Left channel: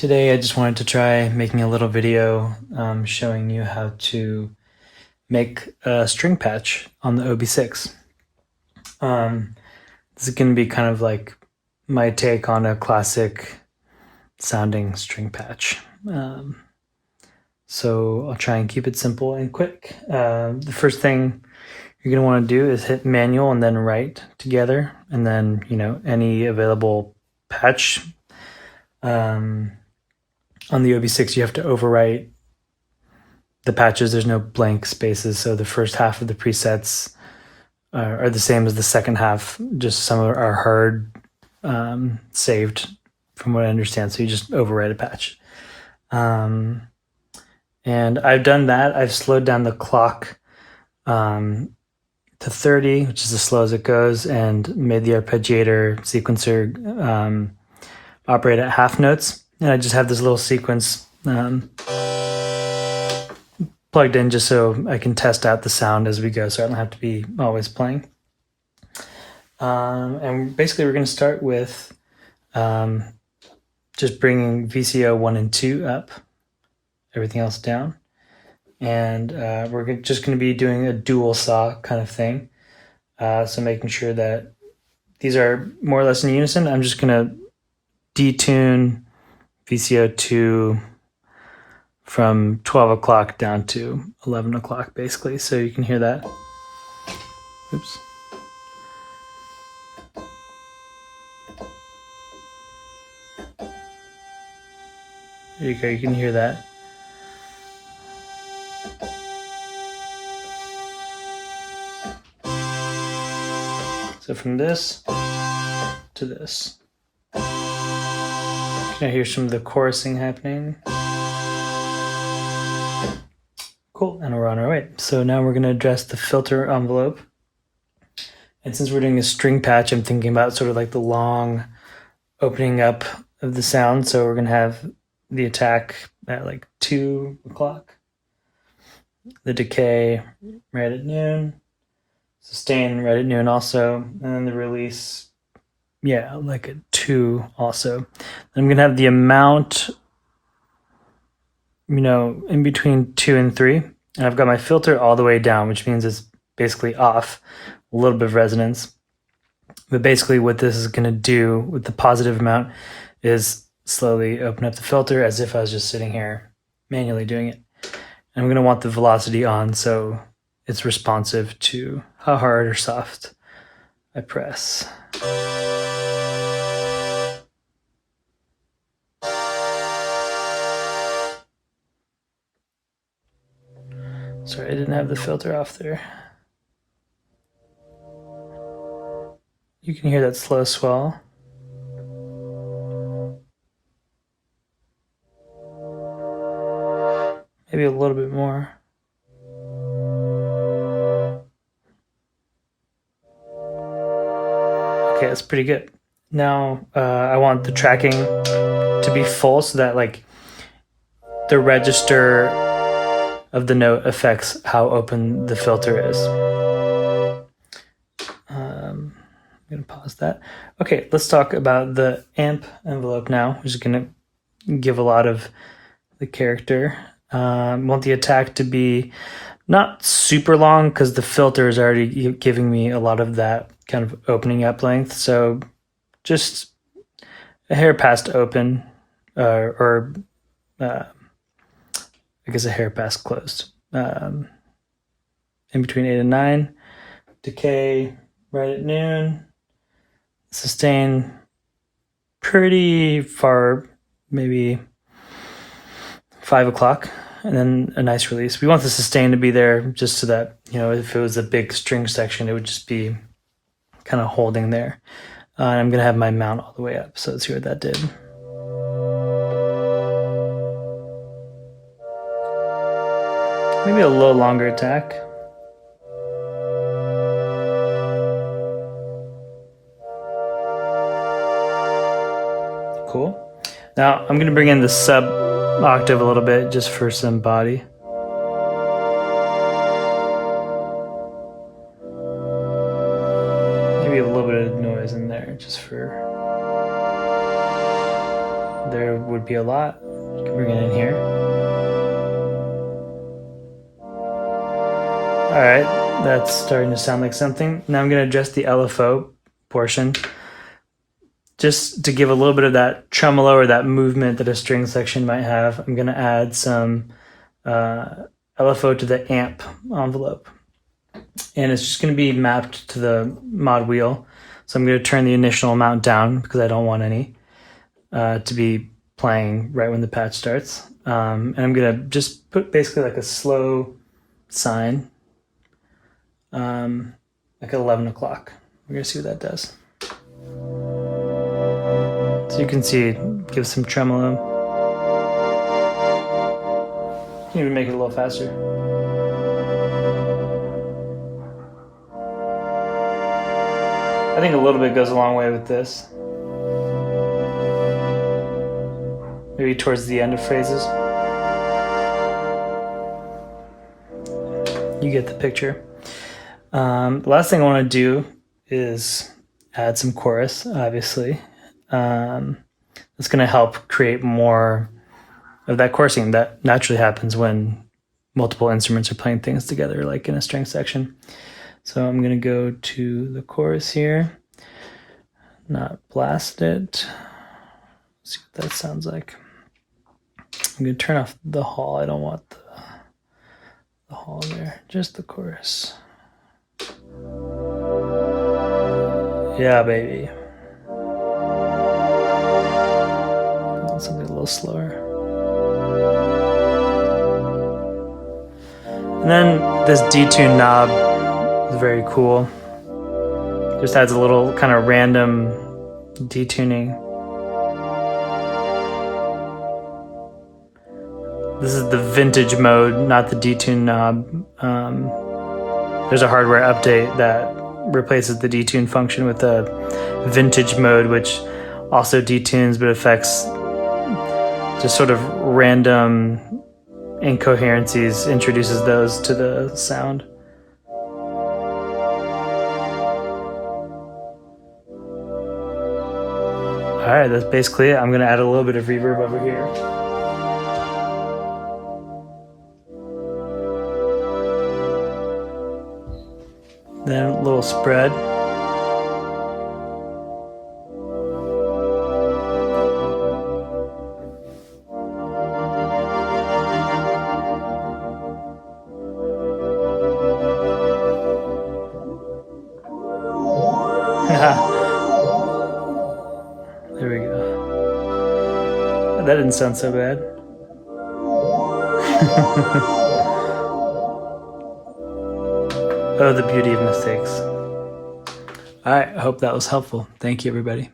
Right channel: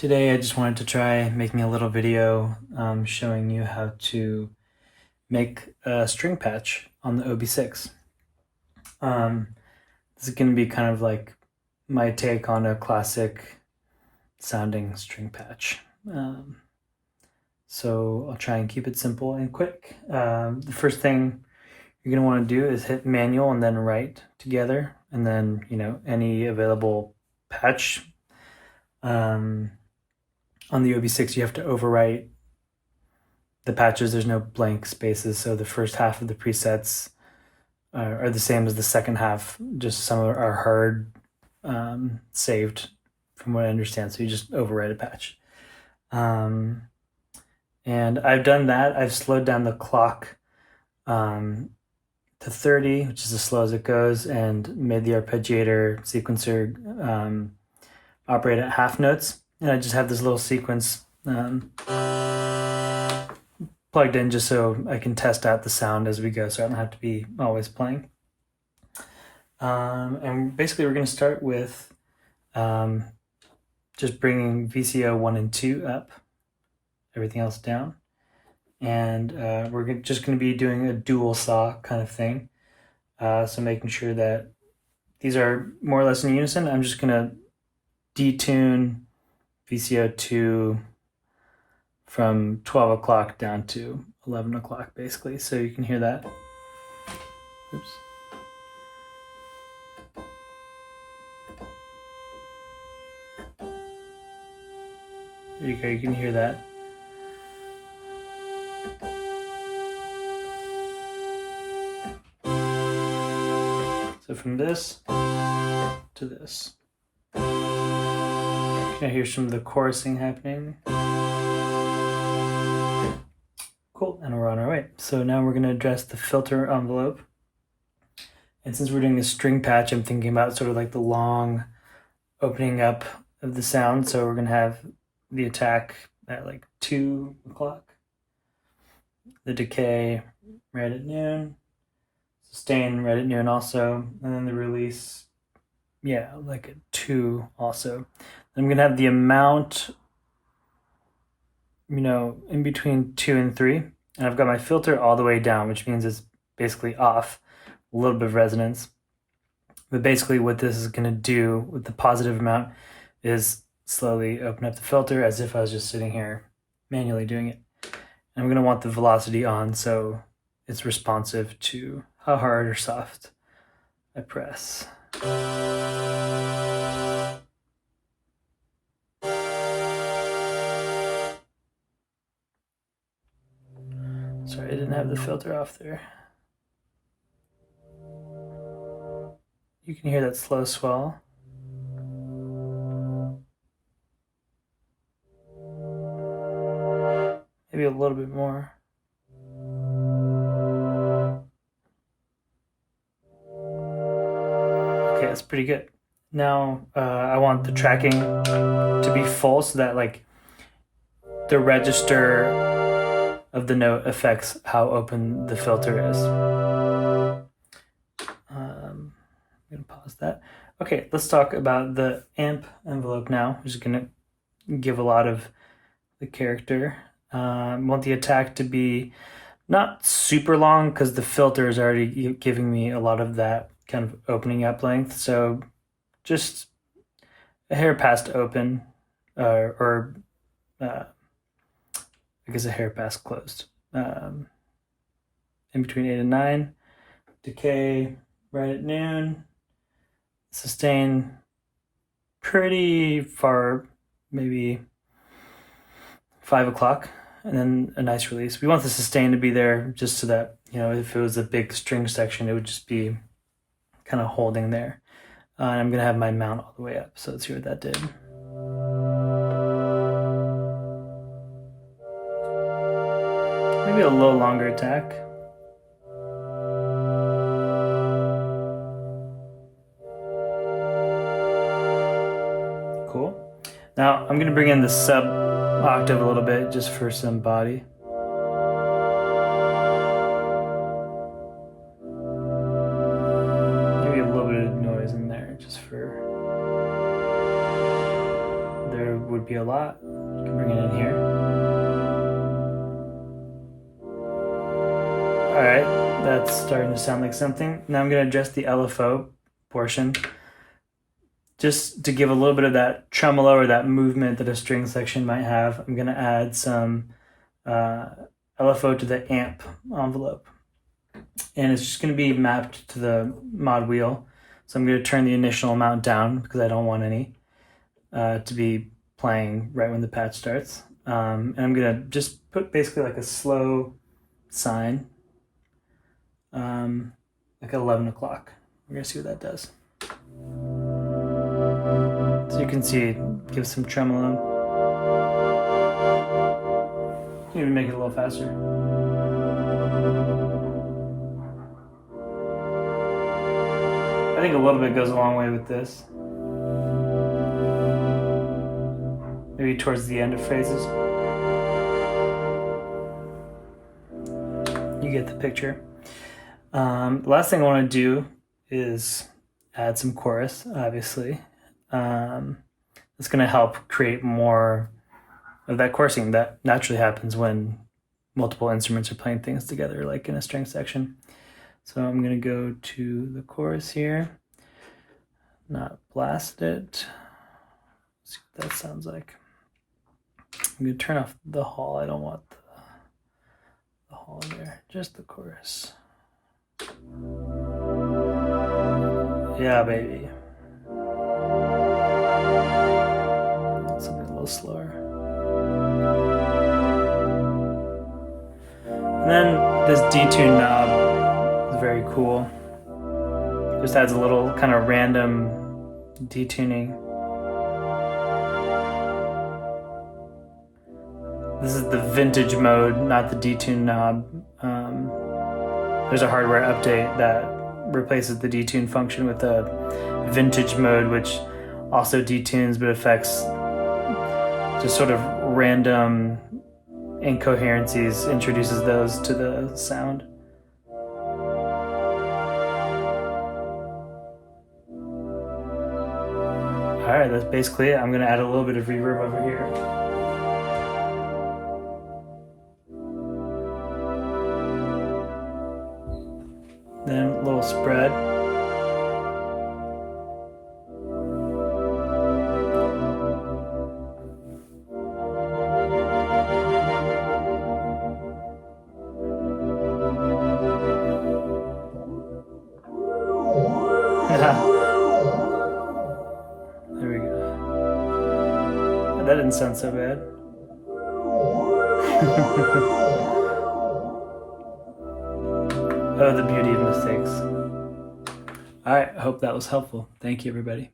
Today I just wanted to try making a little video showing you how to make a string patch on the OB-6. This is going to be kind of like my take on a classic sounding string patch. So I'll try and keep it simple and quick. The first thing you're going to want to do is hit manual and then write together, and then any available patch. On the OB-6, you have to overwrite the patches. There's no blank spaces, so the first half of the presets are the same as the second half. Just some are hard saved, from what I understand. So you just overwrite a patch. And I've done that. I've slowed down the clock to 30, which is as slow as it goes, and made the arpeggiator sequencer operate at half notes. And I just have this little sequence plugged in just so I can test out the sound as we go, so I don't have to be always playing. And basically we're going to start with just bringing VCO 1 and 2 up, everything else down. And we're just going to be doing a dual saw kind of thing. So making sure that these are more or less in unison. I'm just going to detune VCO 2 from 12 o'clock down to 11 o'clock, basically, so you can hear that. Oops. There you go, you can hear that. So from this to this. Now here's some of the chorusing happening. Cool, and we're on our way. So now we're going to address the filter envelope. And since we're doing a string patch, I'm thinking about sort of like the long opening up of the sound. So we're going to have the attack at like 2 o'clock, the decay right at noon, sustain right at noon also, and then the release, yeah, like at 2 also. I'm going to have the amount, in between 2 and 3. And I've got my filter all the way down, which means it's basically off, a little bit of resonance. But basically what this is going to do with the positive amount is slowly open up the filter as if I was just sitting here manually doing it. And I'm going to want the velocity on so it's responsive to how hard or soft I press. Sorry, I didn't have the filter off there. You can hear that slow swell. Maybe a little bit more. Okay, that's pretty good. Now I want the tracking to be full so that like the register of the note affects how open the filter is. I'm gonna pause that. Okay, let's talk about the amp envelope now, which is gonna give a lot of the character. Want the attack to be not super long because the filter is already giving me a lot of that kind of opening up length. So just a hair past open, or I guess a hair past closed. In between 8 and 9. Decay right at noon. Sustain pretty far, maybe 5 o'clock. And then a nice release. We want the sustain to be there just so that, if it was a big string section, it would just be kind of holding there. I'm going to have my mount all the way up. So let's see what that did. Maybe a little longer attack. Cool. Now I'm going to bring in the sub octave a little bit just for some body. Maybe a little bit of noise in there just for there would help you a lot. You can bring it in here. All right, that's starting to sound like something. Now I'm going to adjust the LFO portion just to give a little bit of that tremolo or that movement that a string section might have. I'm going to add some LFO to the amp envelope. And it's just going to be mapped to the mod wheel. So I'm going to turn the initial amount down because I don't want any to be playing right when the patch starts. And I'm going to just put basically like a slow sine, like at 11 o'clock. We're going to see what that does. So you can see it gives some tremolo. You can even make it a little faster. I think a little bit goes a long way with this. Maybe towards the end of phrases. You get the picture. The last thing I want to do is add some chorus, obviously. It's going to help create more of that chorusing that naturally happens when multiple instruments are playing things together, like in a string section. So I'm going to go to the chorus here, not blast it. Let's see what that sounds like. I'm going to turn off the hall. I don't want the hall there, just the chorus. Yeah, baby. Something a little slower. And then this detune knob is very cool. Just adds a little kind of random detuning. This is the vintage mode, not the detune knob. There's a hardware update that replaces the detune function with the vintage mode, which also detunes but affects just sort of random incoherencies, introduces those to the sound. All right, that's basically it. I'm gonna add a little bit of reverb over here. Then a little spread. There we go. That didn't sound so bad. Oh, the beauty of mistakes. All right, I hope that was helpful. Thank you, everybody.